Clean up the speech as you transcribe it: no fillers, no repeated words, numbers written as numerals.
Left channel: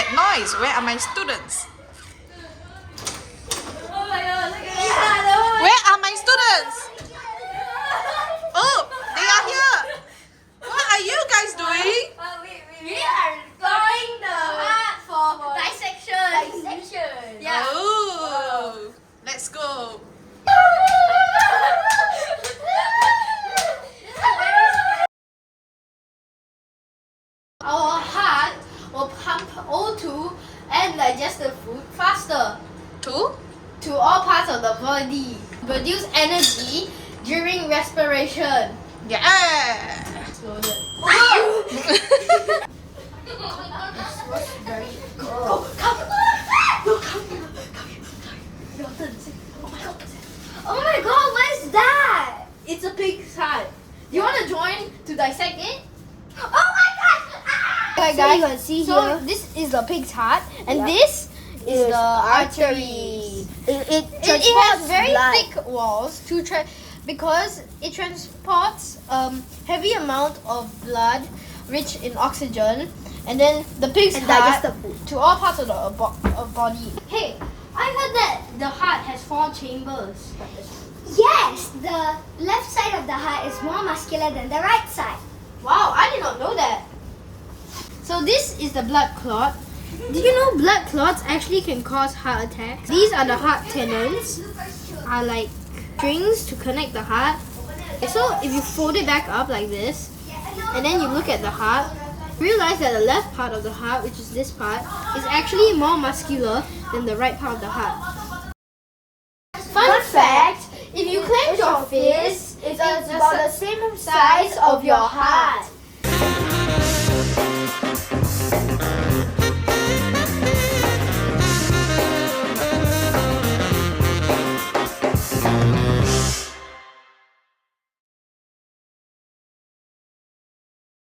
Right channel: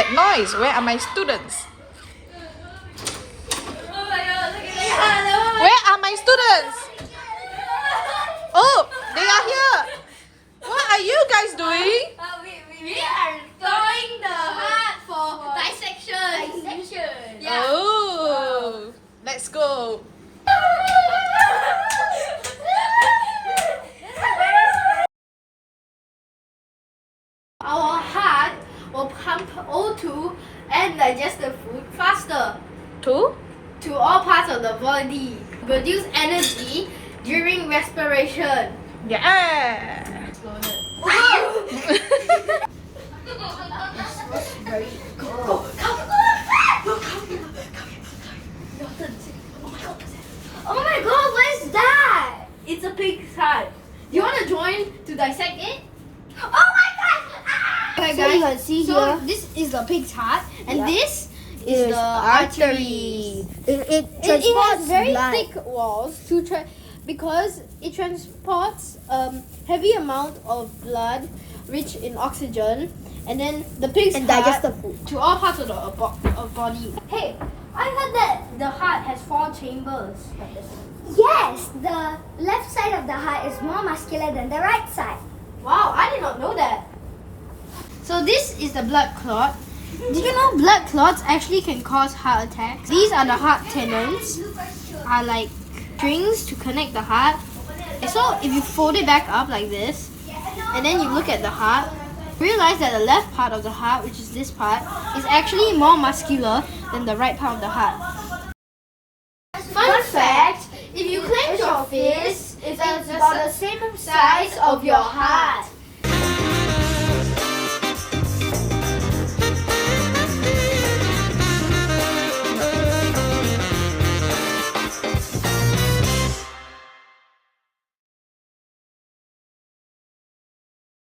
that noise? Where are my students? Oh my god, look at that. Where are my students? Oh, they are here. What are you guys doing? We are going the heart for dissection. Yeah. Oh, let's go. Our heart will pump O2 and digestive food faster Two? to all parts of the body. Produce energy during respiration. Yeah. Very good. Come. Oh my god, what is that? It's a pig's heart. Do you want to join to dissect it? Oh my god! Ah! Okay, So you can see so here. this is the pig's heart, and Yeah. this is Is the arteries. It It transports has very blood. thick walls because it transports heavy amount of blood rich in oxygen, and then the pig's And heart digestive food. to all parts of the body. Hey, I heard that the heart has 4 chambers. Yes, the left side of the heart is more muscular than the right side. Wow, I did not know that. So this is the blood clot. Did you know blood clots actually can cause heart attacks? These are the heart tendons, are like strings to connect the heart. So if you fold it back up like this, and then you look at the heart, realize that the left part of the heart, which is this part, is actually more muscular than the right part of the heart. Fun fact, if you clench your fist, it's about the same size of your heart.